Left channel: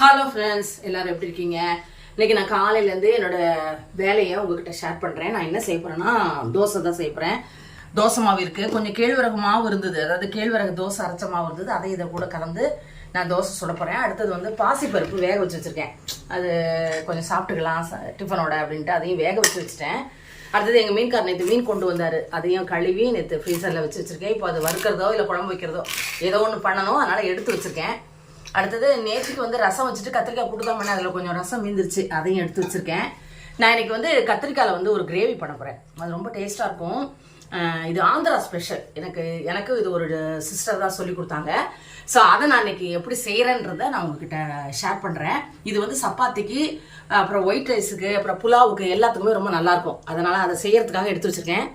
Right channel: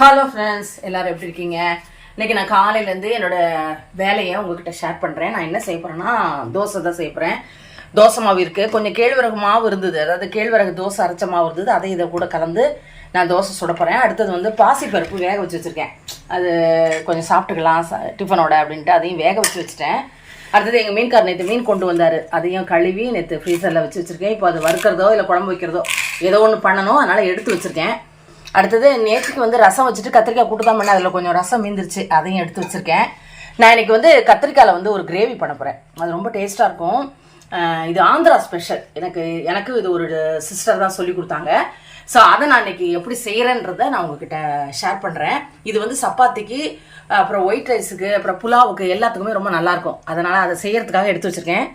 Hello friends, எல்லாரும் எப்படி இருக்கீங்க? இன்னைக்கு நான் காலையிலேருந்து என்னோட வேலையை உங்ககிட்ட ஷேர் பண்ணுறேன். நான் என்ன செய்ய போகிறேன்னா, தோசை தான் செய்ய போகிறேன். தோசை மாவு இருக்குது, கொஞ்சம் கேழ்வரகு மாவு இருந்தது, அதாவது கேழ்வரகு தோசை அரைச்ச மாவு இருந்தது, அதை இதை கூட கலந்து நான் தோசை சுட போகிறேன். அடுத்தது வந்து பாசிப்பருப்பு வேக வச்சு வச்சுருக்கேன். அது கொஞ்சம் சாப்பிட்டுக்கலாம் டிஃபனோட அப்படின்ட்டு அதையும் வேக வச்சு வச்சுட்டேன். அடுத்தது எங்கள் மீன்கார் நேற்று மீன் கொண்டு வந்தார், அதையும் கழுவி நேற்று ஃப்ரீசரில் வச்சு வச்சுருக்கேன். இப்போ அது வறுக்கிறதோ இல்லை குழம்பு வைக்கிறதோ ஏதோ ஒன்று பண்ணணும், அதனால் எடுத்து வச்சுருக்கேன். அடுத்தது நேற்றுக்கு வந்து ரசம் வச்சுட்டு கத்திரிக்காய் போட்டு தான் பண்ணேன், அதில் கொஞ்சம் ரசம் மீந்துருச்சு, அதையும் எடுத்து வச்சுருக்கேன். நான் இன்னைக்கு வந்து கத்திரிக்காயில் வந்து ஒரு கிரேவி பண்ண போகிறேன். அது ரொம்ப டேஸ்ட்டாக இருக்கும். இது ஆந்திரா ஸ்பெஷல். எனக்கு இது ஒரு சிஸ்டர் தான் சொல்லி கொடுத்தாங்க. ஸோ அதை நான் இன்னைக்கு எப்படி செய்கிறேன்றதை நான் உங்ககிட்ட ஷேர் பண்ணுறேன். இது வந்து சப்பாத்திக்கு, அப்புறம் ஒயிட் ரைஸுக்கு, அப்புறம் புலாவுக்கு எல்லாத்துக்குமே ரொம்ப நல்லாயிருக்கும். அதனால் அதை செய்யறதுக்காக எடுத்து வச்சுருக்கேன்.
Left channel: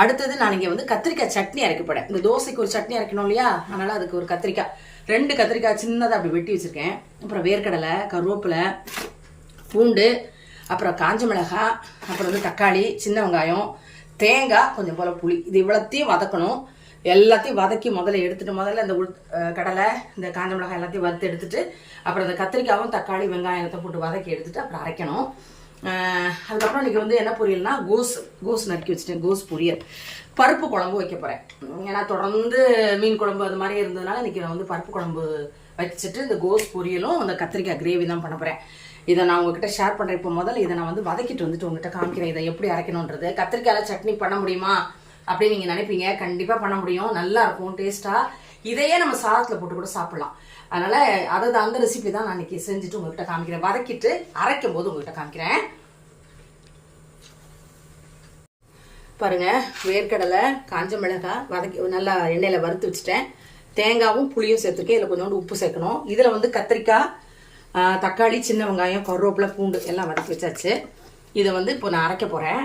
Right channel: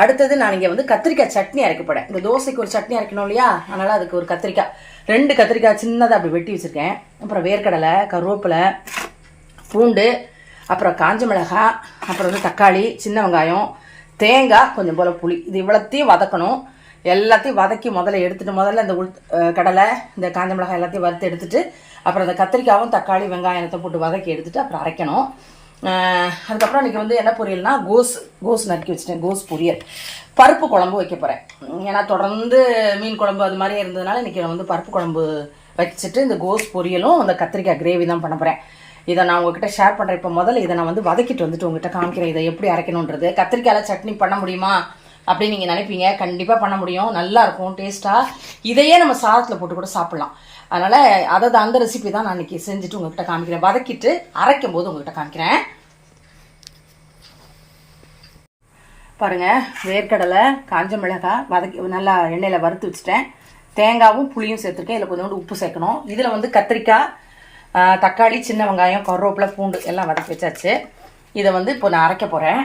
அடுத்தது நான் இங்கே வந்து கத்திரிக்காய் சட்னி அரைக்கப்படேன். இந்த தோசைக்கு ஒரு சட்னி அரைக்கணும் இல்லையா, அதனால் அதுக்கு ஒரு கத்திரிக்காய் 2 கத்திரிக்காய் சின்னதாக அப்படி வெட்டி வச்சுருக்கேன். அப்புறம் வேர்க்கடலை, கருவேப்பிலை, பூண்டு, அப்புறம் காஞ்ச மிளகாய், அப்புறம் வந்து தக்காளி, சின்ன வெங்காயம், தேங்காய், கொஞ்சம் போல் புளி. இது இவ்வளோத்தையும் வதக்கணும். எல்லாத்தையும் வதக்கி முதல்ல இந்த கடலை, இந்த காஞ்ச மிளகாய் எல்லாத்தையும் வறுத்து எடுத்துட்டு, அப்புறம் இந்த கத்திரிக்காயும் தக்காளி வெங்காயத்தை போட்டு வதக்கி எடுத்துட்டு அப்புறம் அரைக்கணும். அதுக்கப்புறம் இன்றைக்கி வந்து என்ன பொரியல்னா கோஸ் நறுக்கி வச்சுட்டேன். கோஸ் பொரியல். பருப்பு குழம்பு வைக்க போகிறேன். ஏன்னா தொடர்ந்து மீன் குழம்பு அது மாதிரி இருந்ததுனால இன்றைக்கி நான் வந்து பருப்பு குழம்பு வச்சுட்டு இந்த கோஸ் பொரியலும் அந்த கத்திரிக்காய் கிரேவி தான் பண்ண போகிறேன். இதை நான் உங்ககிட்ட ஷேர் பண்ணுறேன். இப்போ முதல்ல இதை நான் வந்து வதக்கிட்டு வந்துட்டு உங்ககிட்ட காமிக்கிறேன் இதை எப்படி அரைக்கணுன்றது. கத்திரிக்காயில் சட்னி பண்ண முடியுமா அப்படின்னு நீங்கள் நினைப்பீங்க. கண்டிப்பாக பண்ண முடியும், நல்லா இருக்கும் டேஸ்ட்டாக. இதையே நம்ம சாதத்தில் போட்டு கூட சாப்பிட்லாம். அதனால் அந்த ரெசிபி தான் நான் இன்றைக்கி செஞ்சுட்டு உங்ககிட்ட காமிக்கிறேன். வதக்கிட்டு அரைக்கும் போது உங்ககிட்ட காமிக்கிறேன். பாருங்கள், வேர்க்கடலை, காஞ்ச மிளகாய் வதக்கி நல்லா எண்ணெயில் வறுத்து வச்சுட்டேன். தேங்காயும் புளியும் சேர்த்துருக்கேன். இதில் கொஞ்சோண்டு உப்பு சேர்க்கணும். இதில் வந்து கத்திரிக்காய், தக்காளி, சின்ன வெங்காயம், கருவேப்பிலை, பூண்டு எல்லாம் வதக்கி வச்சாச்சு. இதை வந்து இப்போ நான் அரைக்க போகிறேன்.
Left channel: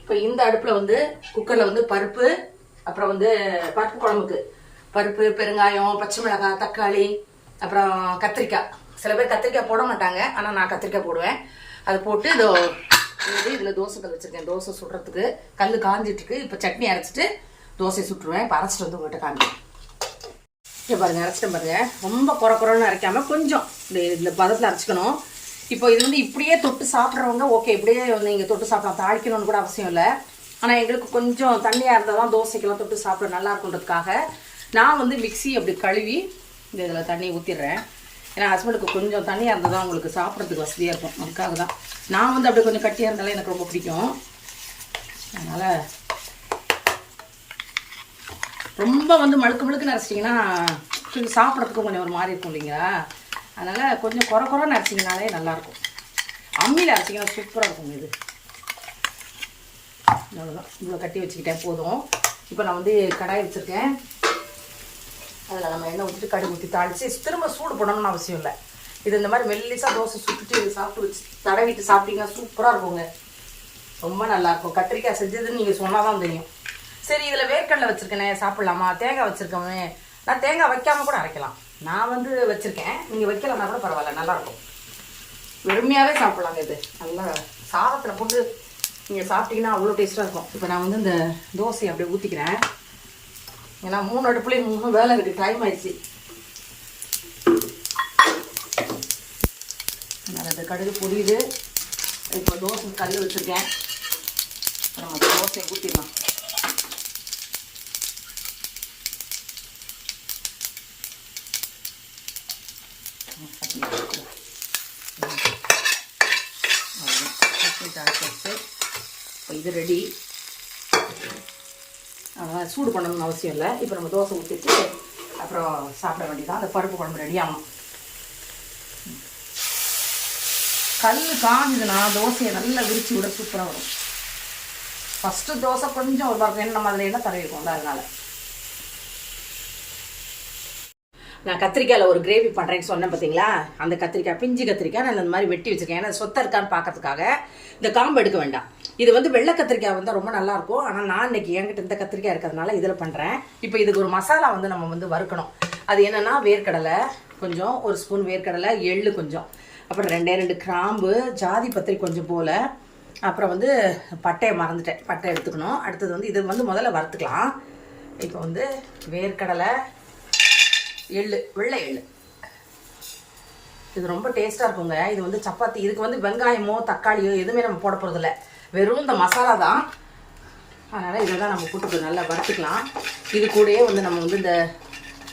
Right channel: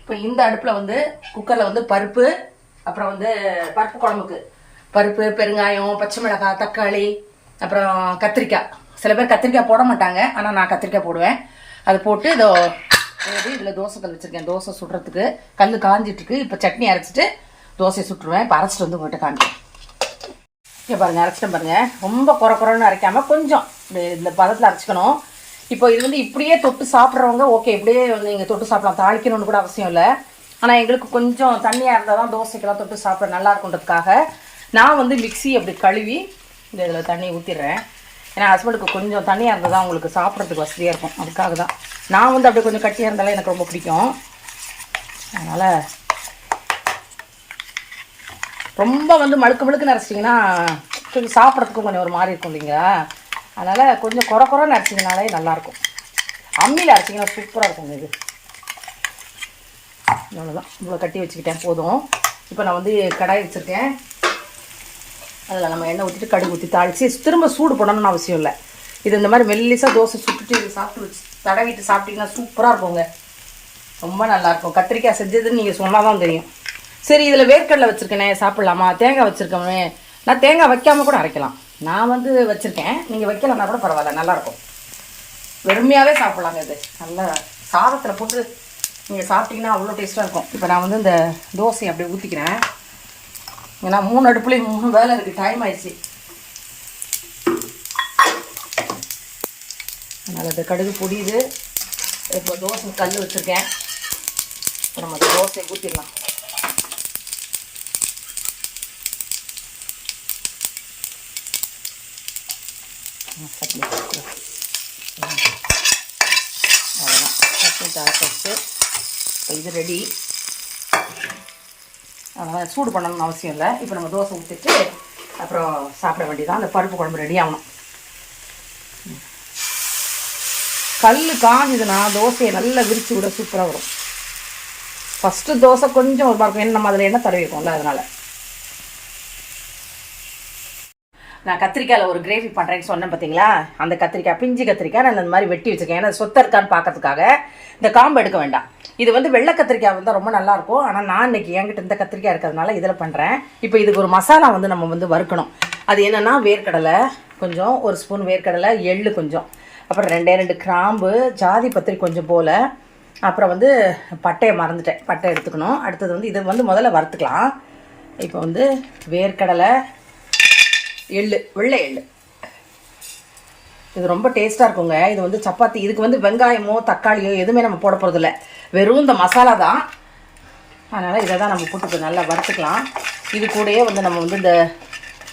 இப்போ இந்த அடுப்பில் வந்து குக்கரில் வந்து பருப்பு, அப்புறம் வந்து பருப்பு குழம்புக்கு பருப்பு, பெருங்காயம், பச்சை மிளகாய், தக்காளி, அப்புறம் கத்திரிக்காய். சில பேர் கத்திரிக்காய் போட மாட்டாங்க, ஆனால் நான் கத்திரிக்காய் போடுவேன். அது போட்டு இதில் தோசை கல் வச்சுருக்கேன். தோசை சுடுறதுக்கு கல் காஞ்சிட்டுருக்கு. இப்போ சட்னி அரைச்சிட்டு தோசையை சுட்டுருவேன். இப்போ அரைச்சிட்டு வந்து உங்கள்கிட்ட காமிக்கிறேன். இங்கே பாருங்கள், அரைச்சிட்டேன் பாருங்கள். ரொம்ப குறைன்னு அரைக்காமல் கொஞ்சம் இதில் பதத்தில் அரைச்சிக்கணும். இப்போ இது வந்து இப்படியே தொட்டு சாப்பிட்றவங்க ஓகே, இப்படியே வந்து நீங்கள் தொட்டு சாப்பிடலாம், தாளிக்கணும்னு கூட அவசியம் இல்லை. ஆனால் எங்களுக்கு கொஞ்சம் தண்ணியாக இருந்தால் தான் தோசைக்கெல்லாம் தொட்டு சாப்பிட நல்லா இருக்குன்றதுக்காக நான் வந்து மிக்ஸி அப்படி கழுவி இந்த இதில் தண்ணி ஊற்றிடுறேன். ஏன்னா ஹஸ்பண்டுக்கு கொஞ்சம் தண்ணியாக இருந்தால் தான் உங்களுக்கு சாப்பிட்றதுக்கு வசதியாக இருக்கும். அதுக்காக தான் நான் வந்து அப்படி கொஞ்சம் கட்டியாக இருந்தாலே எனக்கு ரொம்ப பிடிக்கும். அதனால் ரொம்ப வந்து மழுக்கு அரைச்சிட்டிங்கன்னா கொஞ்சம் சாப்பிட்றதுக்கும் கொஞ்சம் ஒரு மாதிரி இருக்கும் இல்லைங்களா. அதனால் கொஞ்சம் குறைன்னு அரைச்சிங்கனாலே நல்லாயிருக்கும். அம்மியில் அரைச்சிங்கன்னா சூப்பராக இருக்கும். இது அவ்வளோதான், இவ்வளோ கட்டி வச்சுக்கிட்டேன் போதும். இப்போ நான் வந்து கடாய் வச்சுருக்கேன். அதில் நம்ம எண்ணெய் ஊற்றிட்டு கடுகு ஊற்றி தாளித்து திரும்ப சூடு பண்ணணும்னு அவசியம் இல்லை. இது இந்த மாதிரி மெல்லிசாக தோசை சுட்டுட்டு இது சாப்பிட்டு தடவிட்டு சாப்பிட்டீங்கன்னா சூப்பராக இருக்குங்க, ரொம்ப நல்லாயிருக்கும். கத்திரிக்காய் செஞ்சதுன்னு நீங்கள் சொன்னால் தான் தெரியும். சரி, இதில் வேர்க்கடலை வச்சுருக்கேனே, சாப்பிட்லாமா? தேங்காய் வச்சுருக்கோமே. நான் தேங்காய் வைக்காமல் கூட அரைக்கலாம். நான் வந்து வச்சுருக்கேன், நீங்கள் வைக்கலன்னா கூட பரவாயில்ல, நல்லாயிருக்கும். வெறுமையாகவே சாப்பிட்லாங்க. இது நல்லா சாதத்தில் போட்டு நீங்கள் சாப்பிட்டீங்கன்னா அவ்வளோ டேஸ்ட்டாக இருக்கும். இப்போ நான் வந்து இந்த தோசையை அப்படியே ஊற்றிக்கிறேன். ஏன்னா 3 அடுப்புலேயும் 3 வேலை இருக்குது, டைம் ஆயிடுச்சு. அதனால் இந்த கடுகு பொடியுது. இப்போ தோசை கல் வச்சுருக்கேன். நம்ம தோசையை ஊற்றிடலாம். அவ்வளோதான், சட்னி தாளிச்சு இது ரெடி. சூடு பண்ணணும்னு அவசியம் இல்லை. இப்போ நம்ம தோசை ஊற்றிட்டு அப்புறம் சாப்பிட வேண்டியதான். அந்த பருப்பு குழம்பு ரெடி ஆகணும். கல் காஞ்சுதுன்னா தோசையை நல்லா விரித்து விட சூப்பராக வரும். ஃபஸ்ட்டு தோசை கொஞ்சம் ஒரு மாதிரி எண்ணெய் மாதிரி எண்ணெய் தடவிக்கும்ல, அதனால். நான் கத்திரிக்காயில் ஒரு கிரேவி பண்ணுறேன்னு சொன்னேன் பார்த்தீங்களா. அந்த கத்திரிக்காய், பிஞ்சு கத்திரிக்காய் நான் இந்த மாதிரி வெட்டி வச்சுருக்கேன். ஏன்னா சொத்தை இருக்கான்னு பார்க்கறதுக்காக. இந்த காம்பு எடுக்க வேண்டாம். இது வந்து வெள்ளை கத்திரிக்காய் வந்து ரொம்ப நல்லாயிருக்கும். ஆனால் நான் இன்னைக்கு என்கிட்ட இந்த கத்திரிக்காய் இருக்கிறதுனால இதில் பண்ணுறேன். இப்போ இதுக்கு ஒரு மசாலா வந்து நம்ம வந்து வறுக்கணும். அது என்னென்னா வேர்க்கடலை கொஞ்சம், 1 ஸ்பூன் வேர்க்கடலை, எள்ளு கொஞ்சம், அப்புறம் 2 கிராம்பு, ஜாதி பத்திரி கொஞ்சம் போல், அப்புறம் வந்து பட்டையை மறந்துட்டேன், பட்டை எடுத்துக்கணும். அடுத்தது வந்து இது வந்து முதல்ல வறுத்துக்கலாம். இப்போ வந்து வேர்க்கடலை, எள்ளு, வெள்ளை எள்ளு. இது ரொம்ப டேஸ்ட்டாக இருக்குங்க. இது வந்து சப்பாத்தி. இதுக்கு வந்து வெங்காயமோ தக்காளியோ எதுவுமே நம்ம போட போகிறதில்ல, வெறும் இந்த மசாலா தான். அதனால் இதை தான் நம்ம போட்டு நல்லா வறுத்துக்கலாம். இது கூடயே வந்து நம்ம வந்து இந்த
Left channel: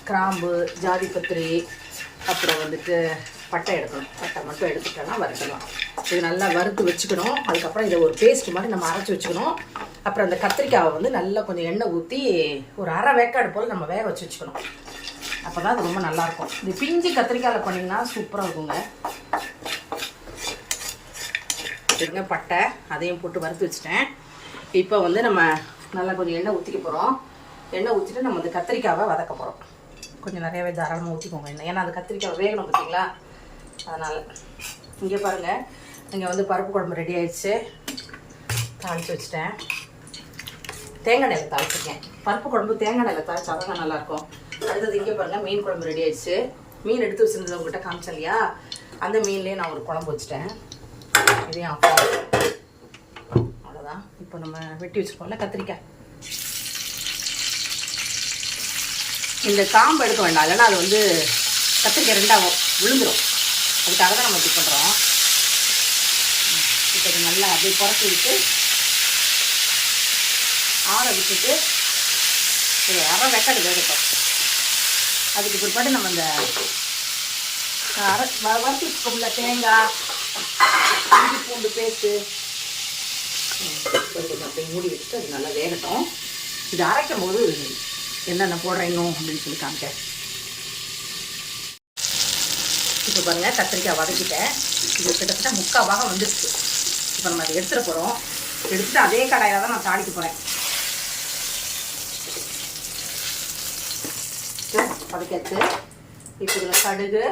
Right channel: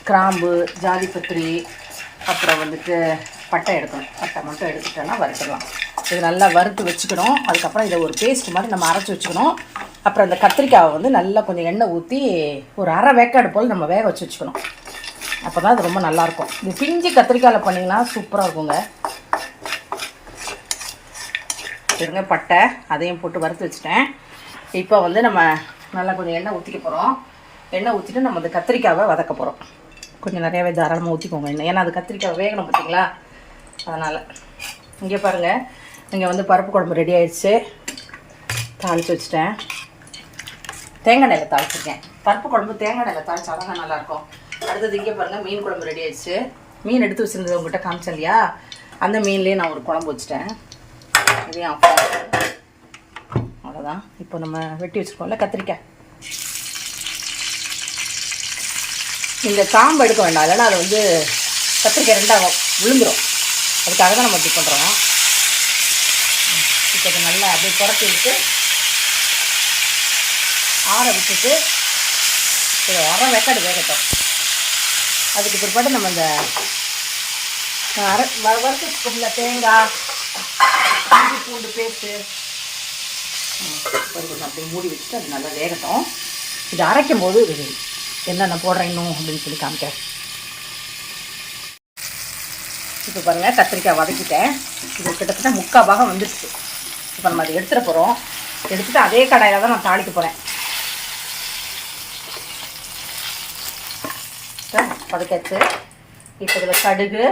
கிராம்பு, ஜாதிபத்திரி, அப்புறம் வந்துட்டு பட்டை எடுக்கணும். பட்டை மட்டும் எடுத்துட்டோன்னா வறுத்துக்கலாம். இது நல்லா வறுத்து வச்சுக்கணும். அதுக்கப்புறம் இதை ஒரு பேஸ்ட் மாதிரி நம்ம அரைச்சி வச்சுக்கணும். அப்புறம் இந்த கத்திரிக்காவை வந்து நல்லா கொஞ்சம் எண்ணெய் ஊற்றி ஒரு அரை வேக்காடு போல் நம்ம வேக வச்சு வச்சுக்கணும். அப்போ தான் அது ரொம்ப நல்லாயிருக்கும். இது பிஞ்சு கத்திரிக்காயில் பண்ணிங்கன்னா சூப்பராக இருக்குங்க. இருங்க, பட்டை அதையும் போட்டு வறுத்து வச்சுட்டேன். இப்போ வந்து நம்ம நல்லா கொஞ்சம் எண்ணெய் ஊற்றிக்க போகிறோம். எண்ணெய் ஊற்றிட்டு நம்ம இந்த கத்திரிக்காவை வதக்க போகிறோம். கொஞ்சம் நிறையாவே தாராளமாக ஊற்றிக்கோங்க எண்ணெய், ஏன்னா அது கத்திரிக்காய் வேகணும் பார்த்தீங்களா, அதனால். இங்கே பாருங்கள், இங்கே வந்து பருப்பு குழம்பு ரெடி ஆயிடுச்சு. தாளித்து வச்சுட்டேன். தேங்காய் எண்ணெயில் தாளிச்சிருக்கேன். பருப்பு குழம்பு தேங்காய் எண்ணெயில் தாளிச்சா தான் நல்லாயிருக்கும். அடுத்தது இங்கே பாருங்கள், மீன் குழம்பு ரெடி ஆயிடுச்சு. மீன் எடுத்து வச்சுருந்தது உங்கள்கிட்ட காமிச்சேன் இல்லையா, அந்த மீன்லேயே நான் ஒரு குழம்பு வச்சுட்டேன். இதையும் ஆஃப் அவ்வளோதான். இப்போ நம்ம வெட்டி வச்சுருக்கோம்ல கத்திரிக்காய், இந்த காம்பு எடுக்க வேண்டாம், இல்லைன்னா அது வந்து கத்திரிக்காய் ரெண்டாக விழுந்துடும். அதுக்காக தான் நம்ம இப்படி பண்ணுறோம். இப்போ நல்லா அப்படியே குறைச்சி விட்டு ஆற விட்டுட்டு அரை வேக்காடு வேகட்டும். அதுக்கு பிற்பாடு நம்ம இந்த வறுத்து வச்சுக்கோங்கள தேங்காய், இஞ்சி பூண்டு பேஸ்ட்டு கொஞ்சம் அப்படியே மூடி வச்சுட்டு அது நல்லா வேகட்டும். இது அரைக்கும் போது என்னென்ன போடுறேன் இன்னும் அப்படின்னு சொல்லி காமிக்கிறேன். இப்போ பாருங்கள், கத்திரிக்காய் வதக்கிட்டேன். இது கிட்டத்தட்ட 3/4 பாகம் வந்துடுச்சு. இப்போ நம்ம அதை எடுத்துகிட்டு போகிறோம். எடுத்துகிட்டு அதே கடாயாக தான் நான் தாளிக்க போகிறேன். வதக்காச்சு. இப்போ இதில் கடுகு,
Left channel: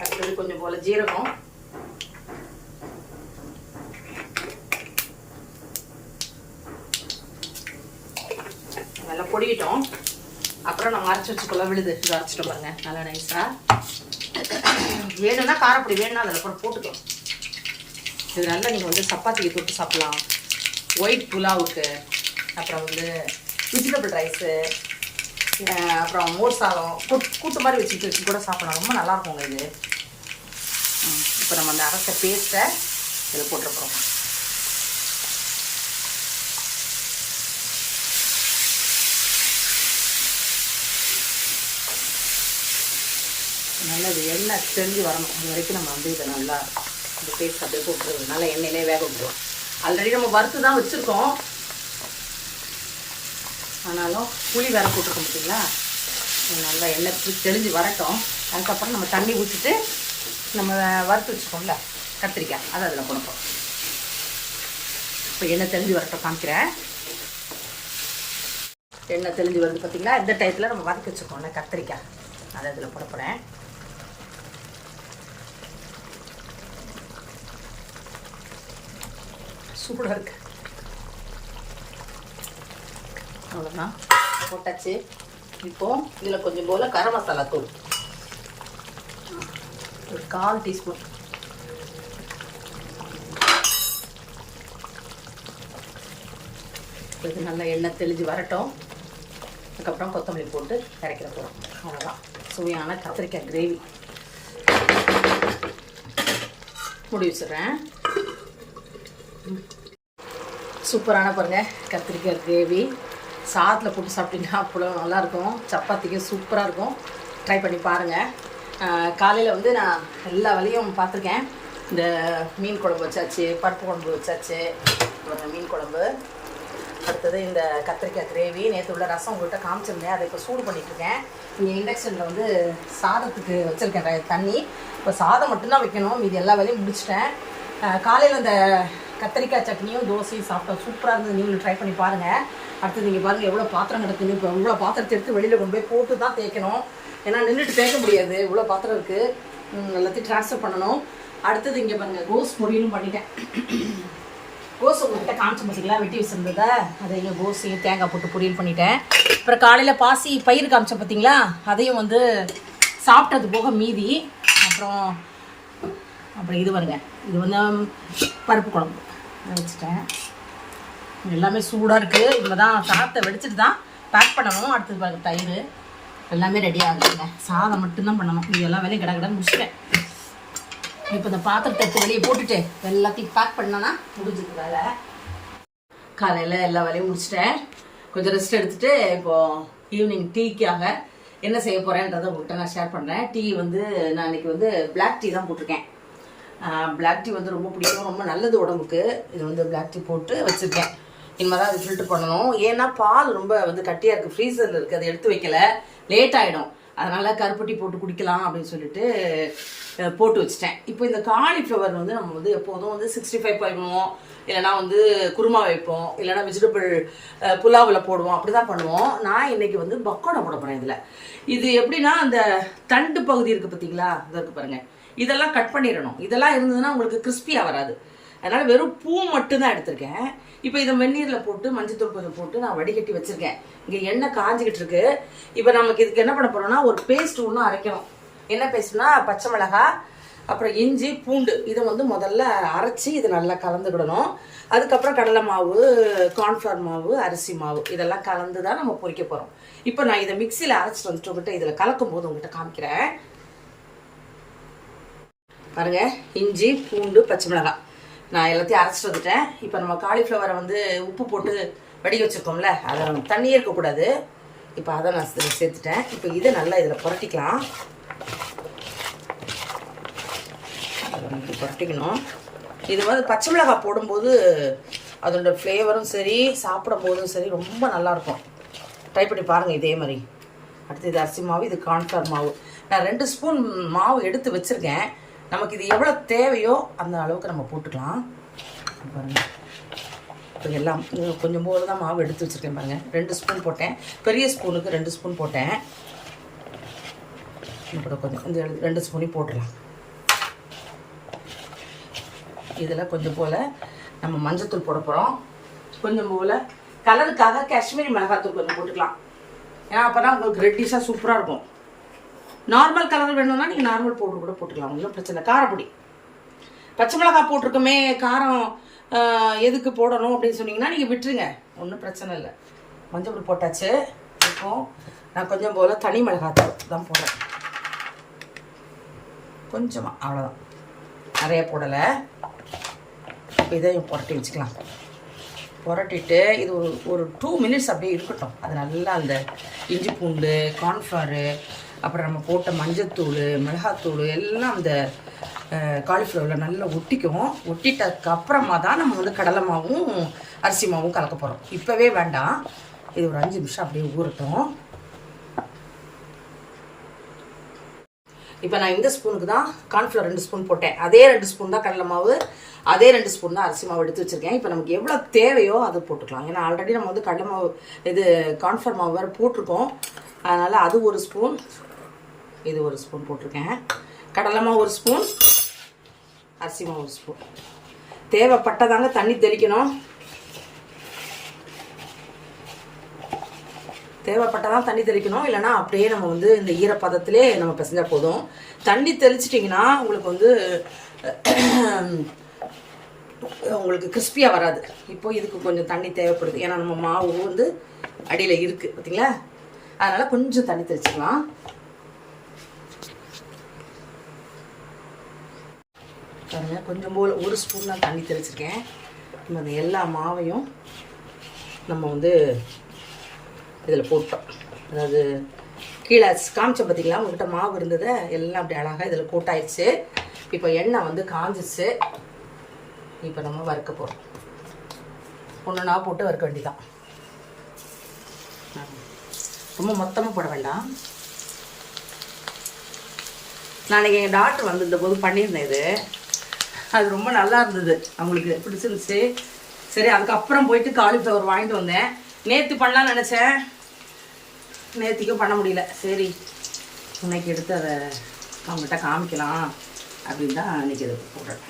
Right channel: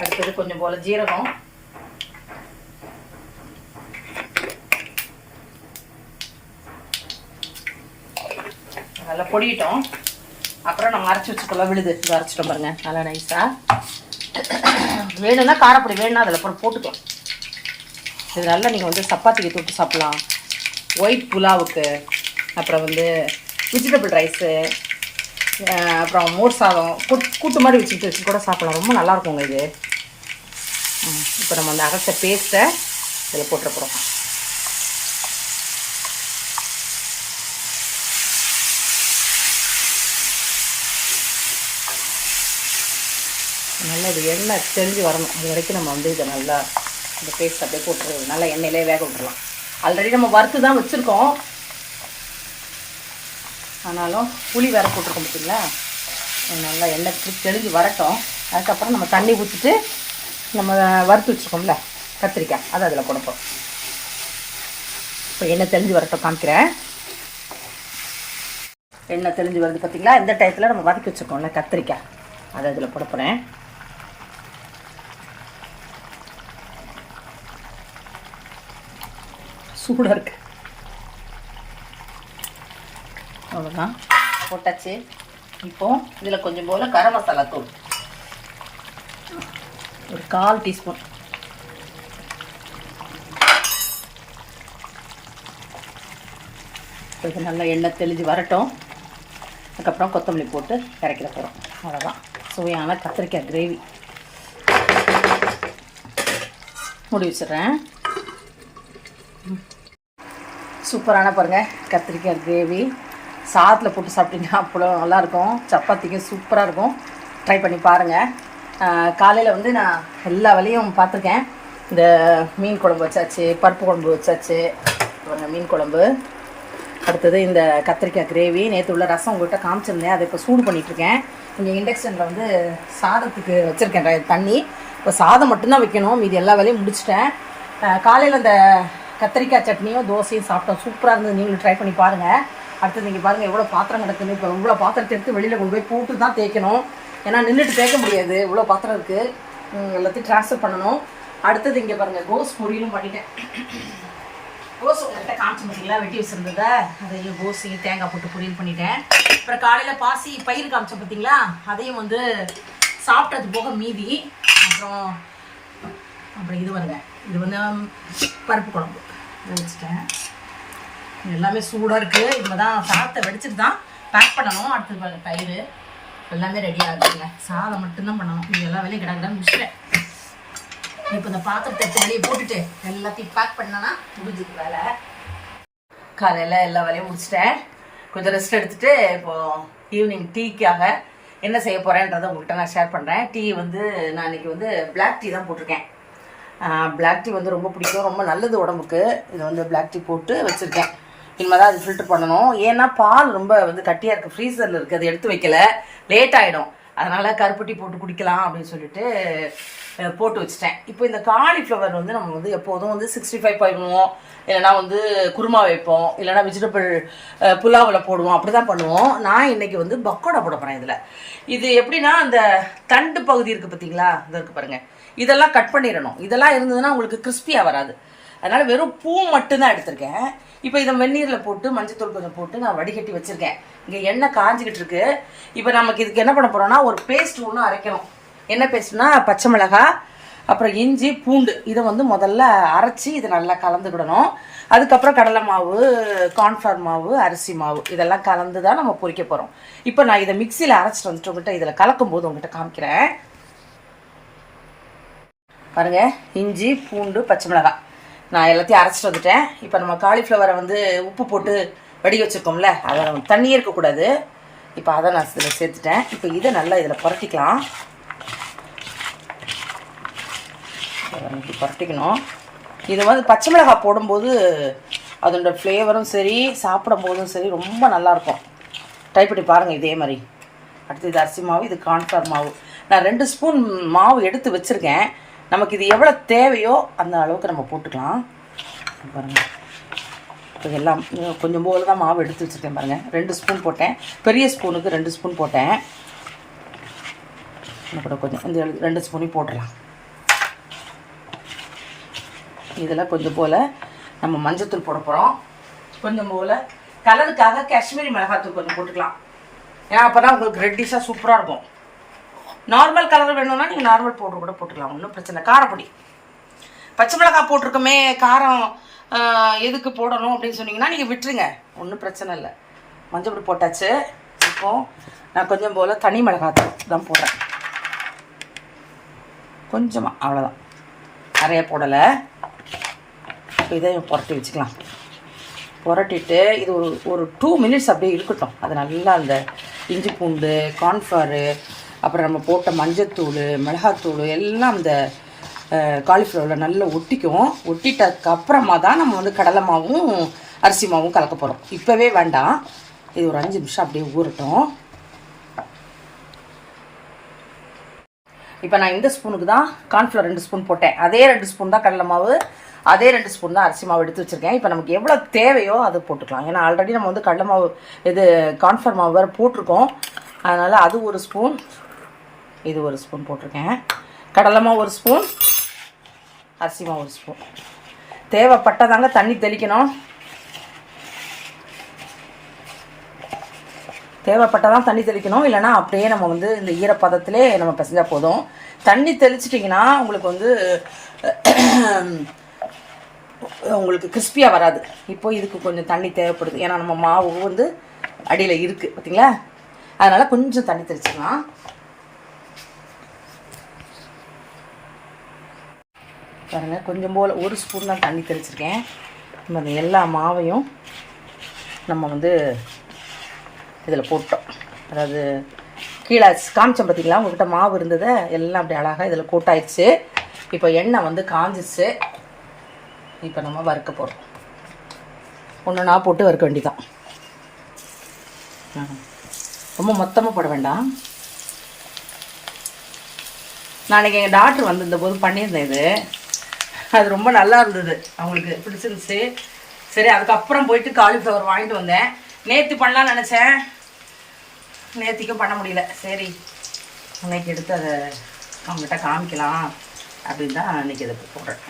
அடுத்தது கொஞ்சம் போல் ஜீரகம், நல்லா பொடியிட்டோம். அப்புறம் நம்ம அரைச்சி வச்சுக்கலாம். விழுது இது அரைச்சிட்டோம் பாருங்க, நல்லா நைஸாக. வேணும்னா காரப்பொடி வேணும்னா அதில் போட்டுக்கலாம். இது நல்லா நீங்கள் வந்து சப்பாத்திக்கு தொட்டு சாப்பிட்லாம், ஒயிட் புலாவுக்கு, அப்புறம் வந்து வெஜிடபிள் ரைஸு, அப்புறம் மோர் சாதம் கூட்டு மாதிரி வச்சு கூட சாப்பிட்லாம். ரொம்ப நல்லாயிருக்குங்க இது. இப்போ நம்ம அந்த அரைச்ச பேஸ்ட்டை இதில் போட்டுருக்குறோம். நல்லா இது எண்ணெய் தெரிஞ்சு வரணும். அது வரைக்கும் நம்ம வந்து இதை நல்லா இந்த பேஸ்ட் அப்படியே போட்டு நல்லா எண்ணெயிலே வேக விட்டுருலாம். ஆல்ரெடி நம்ம வறுத்து தான் வச்சுருக்கோம், ஆனாலும் புளி வேற போட்டுக்க முடியுங்களா. நல்லா எண்ணெய் தெரிஞ்சு வரட்டும். அதுக்கப்புறம் நம்ம தண்ணி ஊற்றிட்டு நம்ம வறுத்து வச்சுருக்கோம்ல கத்திரிக்காய், அதை அதில் கொடுப்போம். இப்போ எண்ணெய் தெரிஞ்சு வரட்டும், காமிக்கிறேன். எண்ணெய் தெரிஞ்சு வருது பார்த்தீங்களா. இந்த டயத்தில் நம்ம வதக்கி வச்சுருக்கோம்ல கத்திரிக்காய், அதை அதில் கொடுப்பேன். சூடாக இருக்கு. அவ்வளோதான், போட்டாச்சு. இப்போ இதில் கொஞ்சம் போல் கரம் மசாலா தூள் ஒரு 1/4 டீஸ்பூன். இது நல்லா எண்ணெய் தெளிஞ்சு வரட்டும். அதுக்கப்புறம் கொத்தமல்லி போட்டு இறக்கிட போகிறோம். அவ்வளோதான், சுவையான கத்திரிக்காய் கிரேவி. மூடி வச்சிடுறேன். சூப்பரான பாருங்கள் கத்திரிக்காய் கிரேவி. சாதத்தில் போட்டு சாப்பிட்டீங்கன்னா அவ்வளோ நல்லாயிருக்கும். சப்பாத்திக்கு சூப்பராக இருக்கும். ட்ரை பண்ணி பாருங்கள். காலையில் வந்து நான் எல்லா வேலையும் பார்த்துருக்கேன். இந்த மீன் குழம்பு வச்சாச்சு, பருப்பு குழம்பு வச்சாச்சு, ஒரு மீன் குழம்பு, அடுத்தது இந்த கத்திரிக்காய் கிரேவி. நேற்று உள்ள ரசம் உங்கள்கிட்ட காமிச்சிருந்தேன், அதை இப்போ சூடு பண்ணிகிட்ருக்கேன். இங்கே இண்டக்ஷனில் வந்து சாதத்துக்கு வச்சுருக்கேன் தண்ணி. இப்போ சாதம் மட்டும்தான் வைக்கணும், மீதி எல்லா வேலையும் முடிச்சிட்டேன். காலையில் அந்த கத்திரிக்காய் சட்னியும் தோசையும் சாப்பிட்டோம். சூப்பராக இருந்தது, நீங்களும் ட்ரை பண்ணி பாருங்கள். அடுத்தது நீங்கள் பாருங்கள் எவ்வளோ பாத்திரம் கிடக்குன்னு. இப்போ இவ்வளோ பாத்திரத்தை எடுத்து வெளியில் கொண்டு போய் போட்டு தான் தேய்க்கணும், ஏன்னா நின்றுட்டு தேய்க்க முடியாது, இவ்வளோ பாத்திரம் இருக்குது. எல்லாத்தையும் ட்ரான்ஸ்ஃபர் பண்ணணும். அடுத்தது இங்கே பாருங்கள் கோஸ் பொரியலும் பண்ணிட்டேன். கோஸ் உங்கள்கிட்ட காமிச்சு பார்த்தீங்களா, வெட்டி வச்சுருந்ததை அதையும் கோஸையும் தேங்காய் போட்டு பொரியல் பண்ணிட்டேன். அப்புறம் காலையில் பாசி பயிர் காமிச்சேன் பார்த்தீங்களா, அதையும் வந்து சாப்பிட்டது போக மீதி. அப்புறம் இது வருங்க, இது வந்து பருப்பு குழம்பு வச்சுட்டேன். எல்லாமே சூடாக இருக்குது. இதில் தான் சாதத்தை வெடிச்சிட்டு தான் பேக் பண்ணணும். அடுத்தது தயிர் எல்லாமே ரெடி ஆகுதுங்க. சாதம் மட்டும்தான் பண்ணணும். இது எல்லா வேலையும் கிடக்கிடன்னு முடிச்சிட்டேன். இப்போ இந்த பாத்திரத்தை வெளியே போட்டுட்டு எல்லாத்தையும் பேக் பண்ணனா முடிஞ்சது வேலை. காலையில் எல்லா வேலையும் முடிச்சிட்டேன். கொஞ்சம் ரெஸ்ட் எடுத்துகிட்டு இப்போது ஈவினிங் டீக்காக என்ன செய்ய போகிறேன்றதை உங்கள்கிட்ட நான் ஷேர் பண்ணுறேன். டீ வந்து நான் இன்றைக்கி வந்து பிளாக் டீ தான் போட்டிருக்கேன். பிளாக் டீ வந்து ரொம்ப பிடிக்கும், ரொம்ப நல்லது உடம்புக்கு. இது வந்து பிளாக் டீ போட்டு வச்சுருக்கேன். இனிமேல் தான் அது ஃபில்டர் பண்ணணும். ஏன்னா பால் ரொம்ப வந்து கட்டியாக இருக்குது, ஃப்ரீசரில் இருக்குது, அதை எடுத்து வைக்கல, லேட் ஆகிடும். அதனால் கருப்பட்டி போட்டு குடிக்கலாம் அப்படின்னு சொல்லிட்டு போட்டு வச்சுட்டேன். இப்போ இந்த காலிஃப்ளவர் வந்து நம்ம வந்து எப்போதும் வந்து 65 பண்ணுவோம், இல்லைனா வந்து குருமா வைப்போம், இல்லைனா வெஜிடபிள் புலாவில் போடுவோம், அப்படி தான் பண்ணுவோம். நான் இன்றைக்கி வந்து பக்கோடா போட போகிறேன். இதில் இது எப்படின்னா அந்த தண்டு பகுதி இருக்குது பார்த்தீங்களா, இதை இருக்குது பாருங்கள், இதெல்லாம் கட் பண்ணிடணும். இதெல்லாம் இருந்ததுன்னா உங்களுக்கு கிறிஸ்பியாக வராது. அதனால் வெறும் பூ மட்டும்தான் எடுத்திருக்கேன். இப்போ இதை வெந்நீரில் போட்டு மஞ்சத்தூள் கொஞ்சம் போட்டு நான் வடிகட்டி வச்சுருக்கேன். இங்கே எண்ணெய் காஞ்சிக்கிட்டு இருக்கு. இப்போ நமக்கு இதுக்கு என்ன பண்ண போகிறோம்னா ஒரு பேஸ்ட் ஒன்று அரைக்கணும். என்ன பேஸ்ட்னா பச்சை மிளகாய், அப்புறம் இஞ்சி, பூண்டு, இதை வந்து முதல்ல அரைச்சி இது நல்லா கலந்துக்கிடணும். அதுக்கப்புறம் கடலை மாவு, கார்ன்ஃப்ளவர் மாவு, அரிசி மாவு இதெல்லாம் கலந்து தான் நம்ம பொரிக்க போகிறோம். இப்போ நான் இதை மிக்சியில் அரைச்சிட்டு வந்துட்டு உங்கள்கிட்ட இதில் கலக்கும் போது உங்கள்கிட்ட காமிக்கிறேன் பாருங்கள். இஞ்சி, பூண்டு, பச்சை மிளகாய் நான் எல்லாத்தையும் அரைச்சிட்டு வந்துட்டேன். இப்போ நம்ம காலிஃப்ளவரை வந்து உப்பு போட்டு வடிக்க வச்சுருக்கோம்ல, அதை தண்ணியே இருக்கக்கூடாது. இப்போ அதை நான் இதில் சேர்த்துட்டேன். இப்போ இதை நல்லா இதில் புரட்டிக்கலாம். புரட்டிக்கணும். இது வந்து பச்சை மிளகாய் போடும்போது அதோட ஃப்ளேவரும் சரி, சாப்பிடும் போதும் சரி ரொம்ப நல்லாயிருக்கும். ட்ரை பண்ணி பாருங்கள் இதே மாதிரி. அடுத்து இது அரிசி மாவு, இது கார்ன்ஃப்ளவர் மாவு. நான் 2 ஸ்பூன் மாவு எடுத்து வச்சுருக்கேன். நமக்கு இது எவ்வளோ தேவையோ அந்த அளவுக்கு நம்ம போட்டுக்கலாம். பாருங்கள், இப்போ எல்லாம் கொஞ்சம் போது தான் மாவு எடுத்து வச்சுருக்கேன் பாருங்கள். 2 ஸ்பூன் போட்டேன். பெரிய ஸ்பூனுக்கு 2 ஸ்பூன் போட்டேன். கூட கொஞ்சம் இந்த 2 ஸ்பூனையும் போட்டுடலாம். இதில் கொஞ்சம் போல் நம்ம மஞ்சத்தூள் போட போகிறோம். கொஞ்சம் போல் கலருக்காக காஷ்மீரி மிளகாத்தூள் கொஞ்சம் போட்டுக்கலாம். ஏன்னா அப்போ தான் உங்களுக்கு ரெட்டிஷாக சூப்பராக இருக்கும். நார்மல் கலர் வேணும்னா நீங்கள் நார்மல் பவுடர் கூட போட்டுக்கலாம், ஒன்றும் பிரச்சனை. காரப்பொடி, பச்சை மிளகாய் போட்டிருக்கோமே, காரம் எதுக்கு போடணும் அப்படின்னு சொன்னீங்கன்னா நீங்கள் விட்டுருங்க, ஒன்றும் பிரச்சனை இல்லை. மஞ்சள் பொடி போட்டாச்சு. இப்போது நான் கொஞ்சம் போல் தனி மிளகாய் தான் போடுறேன், கொஞ்சமாக, அவ்வளோதான், நிறைய போடலை. இப்போ இதையும் புரட்டி வச்சுக்கலாம். புரட்டிட்டு இது ஒரு 2 மினிட்ஸ் அப்படியே இருக்கட்டும். அது நல்லா அந்த இஞ்சி பூண்டு, கார்ன்ஃப்ளவரு, அப்புறம் நம்ம போட்ட மஞ்சத்தூள், மிளகாத்தூள் எல்லாம் அந்த காலிஃப்ளவரில் நல்லா ஒட்டிக்கும். ஒட்டிட்டதுக்கப்புறமா தான் நம்ம வந்து கடலை மாவும் அரிசி மாவும் கலக்க போகிறோம். இப்போவே வேண்டாம், இது ஒரு 5 நிமிஷம் அப்படியே ஊறட்டும். இப்போ நான் இந்த ஸ்பூனுக்கு தான் கார்ன்ஃப்ளவர் 2 ஸ்பூன் போட்டேன். அதே 2 ஸ்பூன் தான் கடலை மாவு, அதே 2 ஸ்பூன் தான் அரிசி மாவு எடுத்து வச்சுருக்கேன். இப்போ நமக்கு எவ்வளோ தேவையோ அது போட்டுக்கலாம். ஏன்னா ஆல்ரெடி நம்ம வந்து கடலை மாவு இது கார்ன்ஃப்ளவர் மாவு வேறு போட்டிருக்கோம். அதனால் அது 1 ஸ்பூன், இது 1 ஸ்பூன் போட்டிருக்கேன். கடலை மாவு 1 ஸ்பூன், அரிசி மாவு 1 ஸ்பூன். தேவைப்பட்டதாங்க தண்ணி தெளிக்கணும். தேவைப்பட்டால் தண்ணி தெளிக்கணும், இல்லைனா அப்படியே நம்ம வந்து இந்த ஈரப்பதத்திலே நம்ம பிசைஞ்சால் போதும். தண்ணி தெளிச்சிட்டிங்கன்னா உங்களுக்கு வந்து உங்களுக்கு கிறிஸ்பியாக வராது. இப்போது இதுக்கு கொஞ்சம் தண்ணி தேவைப்படுது, ஏன்னா நம்ம மாவு வந்து அடியில் இருக்குது பார்த்தீங்களா, அதனால் கொஞ்சம் தண்ணி தெளிச்சிக்கலாம். பாருங்கள், கொஞ்சம் போல் 1 ஸ்பூன் தான் தண்ணி தெளிச்சிருக்கேன். நம்ம அந்த எல்லா மாவையும் நம்ம வந்து இதில் போட்டோம். அதாவது கீழே காமிச்சோம் பார்த்தீங்களா, உங்கள்கிட்ட மாவு இருந்ததை எல்லாம் அப்படி அழகாக இதில் கூட்டாயிடுச்சு. இப்போ எண்ணெய் வந்து காஞ்சிச்சு. இப்போ நம்ம வறுக்க போகிறோம். ஒன்று நான் போட்டு வறுக்க வேண்டியதான். ரொம்ப மொத்தமாக போட வேண்டாம். நாளைக்கு எங்கள் டாக்டர் வந்திருந்த போது பண்ணியிருந்தேன் இது. அது ரொம்ப நல்லா இருந்தது, அவங்களுக்கு பிடிச்சிருந்துச்சு. சரி, அதுக்கப்புறம் போயிட்டு காலிஃப்ளவர் வாங்கிட்டு வந்தேன். நேற்று பண்ணலான்னு நினச்சேன், நேற்றுக்கும் பண்ண முடியல. சரி, இன்னைக்கு எடுத்து அதை அவங்ககிட்ட காமிக்கலாம் அப்படின்னு தான் அன்றைக்கி இதை போடுறேன்.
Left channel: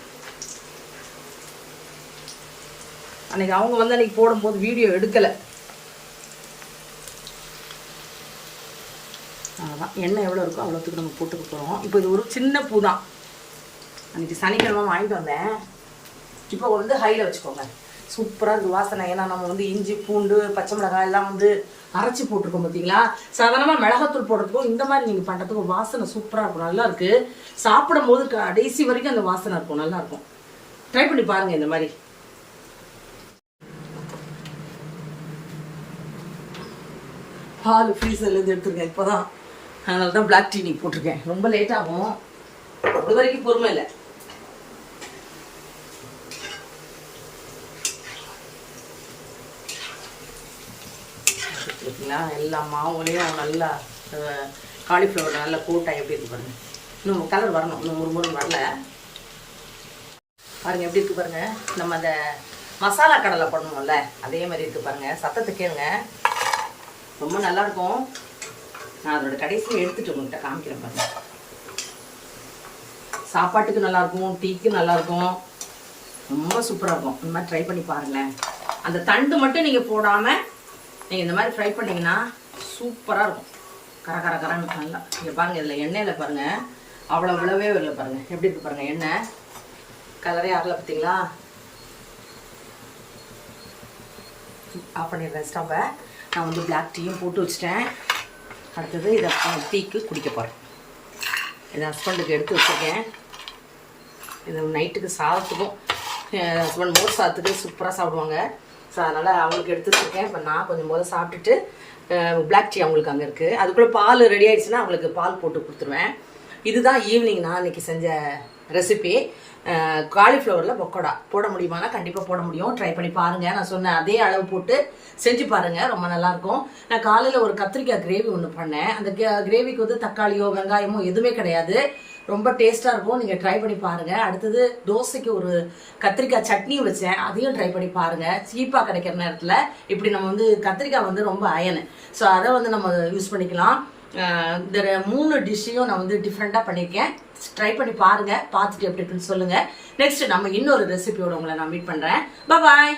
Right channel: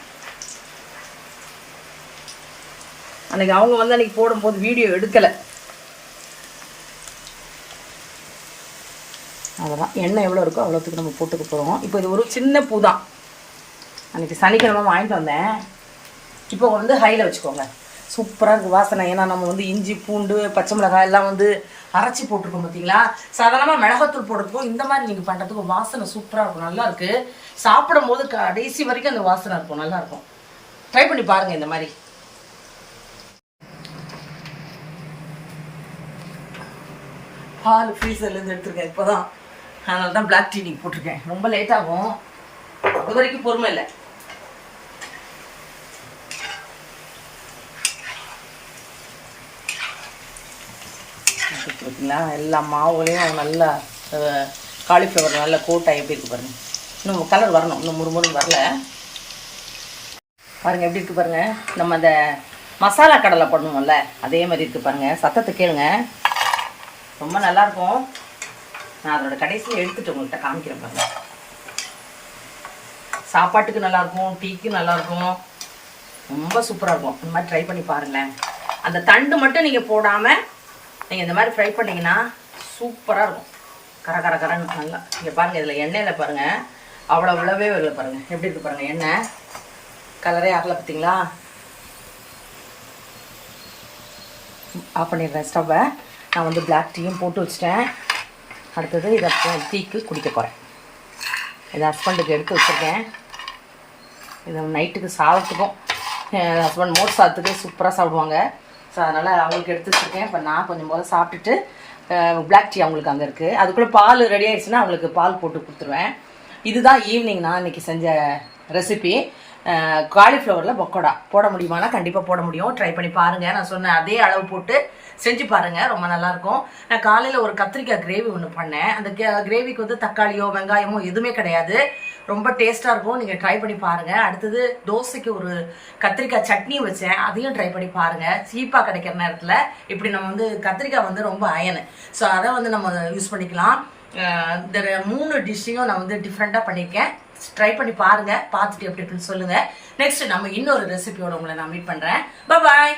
அன்றைக்கி அவங்க வந்து அன்றைக்கி போடும்போது வீடியோ எடுக்கலை. அவ்வளோதான், எண்ணெய் எவ்வளோ இருக்கோ அவ்வளோத்துக்கு நம்ம போட்டு கொடுத்துருவோம். இப்போ இது ஒரு சின்ன பூ தான், அன்றைக்கி சனிக்கிழமை வாங்கிட்டு வந்தேன். இப்போ வந்து ஹையில் வச்சுக்கோங்க. சூப்பராக இருக்குது வாசனை. ஏன்னா நம்ம வந்து இஞ்சி பூண்டு பச்சை மிளகாய் எல்லாம் வந்து அரைச்சி போட்டிருக்கோம் பார்த்தீங்களா. சாதாரணமாக மிளகாத்தூள் போடுறதுக்கும் இந்த மாதிரி நீங்கள் பண்ணுறதுக்கும் வாசனை சூப்பராக இருக்கும், நல்லா இருக்குது. சாப்பிடும் போது கடைசி வரைக்கும் அந்த வாசனை இருக்கும், நல்லா இருக்கும். ட்ரை பண்ணி பாருங்கள் இந்த மாதிரி. பால் ஃப்ரீசர்லேருந்து எடுத்துருக்கேன் இப்போ தான், அதனால தான் பிளாக் டீ நீங்கள் போட்டிருக்கேன். ரொம்ப லேட் ஆகும், அது வரைக்கும் பொறுமை இல்லை. எல்லா மாவுகளையும் நல்லா காலிஃப்ளவர் நல்லா கோட்டாக எப்படி இருக்கு பாருங்கள். இன்னும் கலர் வரணும், இன்னும் முறுமுறுன்னு வரல பாருங்கள். எப்படி இருக்குது பாருங்கள். நம்ம அந்த மசாலா கடலை பண்ணுவோம்ல அதே மாதிரி இருக்குது பாருங்கள். சத்தத்தை கேளுங்க, ரொம்ப நல்லாயிருக்கும். நான் அதோட கடைசியில் எடுத்துகிட்டு உங்கள்கிட்ட காமிக்கிறேன் பாருங்கள். சாப்பாட்டுக்கு நல்லாயிருக்கும், டீக்கு நல்லாயிருக்கும், ரொம்ப சூப்பராக இருக்கும். இந்த மாதிரி ட்ரை பண்ணி பாருங்களேன். அந்த தண்டு மட்டும் நீங்கள் போடாமல் நீங்கள் இந்த மாதிரி ஃப்ரை பண்ணிங்கன்னா சூப்பராக இருக்கும். கர கர கரன்னு நல்லா. இங்கே பாருங்கள், இதில் எண்ணெயில் பாருங்கள் அவ்வளோ விழவே இல்லை பாருங்கள். எப்படி இருக்குது பாருங்கள், எண்ணெய் கலரே ஆகலை பார்த்தீங்களா. ஆஃப் பண்ணிடுறேன் ஸ்டவ்வை. நான் வந்து பிளாக் டீயும் போட்டு வச்சுட்டேன். அடுத்தது இதை டீக்கு குடிக்க போகிறேன். இதை ஹஸ்பண்டுக்கு எடுத்து வச்சுருக்கேன். இதை நைட்டுக்கு சாதத்துக்கும் ஹஸ்பண்ட் மோர் சாதத்துக்கு சூப்பராக சாப்பிடுவாங்க. ஸோ அதனால் அவங்களுக்கு எடுத்து வச்சுருக்கேன். இப்போ நான் கொஞ்சம் போல் சாப்பிட்டுட்டு பிளாக் டீ அவங்களுக்கு அங்கே இருக்குது. அதுக்குள்ளே பால் ரெடி ஆகிடுச்சுன்னா அவங்களுக்கு பால் போட்டு கொடுத்துருவேன். இதுதான் ஈவினிங் நான் இன்றைக்கி செஞ்ச ரெசிபி. காலிஃப்ளவரில் பக்கோடா போட முடியுமானா கண்டிப்பாக போட முடியும். ட்ரை பண்ணி பாருங்கள். நான் சொன்ன அதே அளவு போட்டு செஞ்சு பாருங்கள், ரொம்ப நல்லாயிருக்கும். நான் காலையில் ஒரு கத்திரிக்காய் கிரேவி ஒன்று பண்ணேன். அந்த கிரேவிக்கு வந்து தக்காளியோ வெங்காயமோ எதுவுமே கிடையாது, ரொம்ப டேஸ்ட்டாக இருக்கும். நீங்கள் ட்ரை பண்ணி பாருங்கள். அடுத்தது தோசைக்கு ஒரு கத்திரிக்காய் சட்னி வச்சேன், அதையும் ட்ரை பண்ணி பாருங்கள். சீப்பாக கிடைக்கிற நேரத்தில் இப்படி நம்ம வந்து கத்திரிக்காய் வந்து ரொம்ப அயனு, ஸோ அதை வந்து நம்ம யூஸ் பண்ணிக்கலாம். இந்த 3 டிஷ்ஷையும் நான் வந்து டிஃப்ரெண்ட்டாக பண்ணியிருக்கேன். ட்ரை பண்ணி பாருங்கள், பார்த்துட்டு எப்படி இருக்குன்னு சொல்லுங்கள். நெக்ஸ்ட் நம்ம இன்னொரு ரெசிபியோட உங்களை நான் மீட் பண்ணுறேன். பாய்.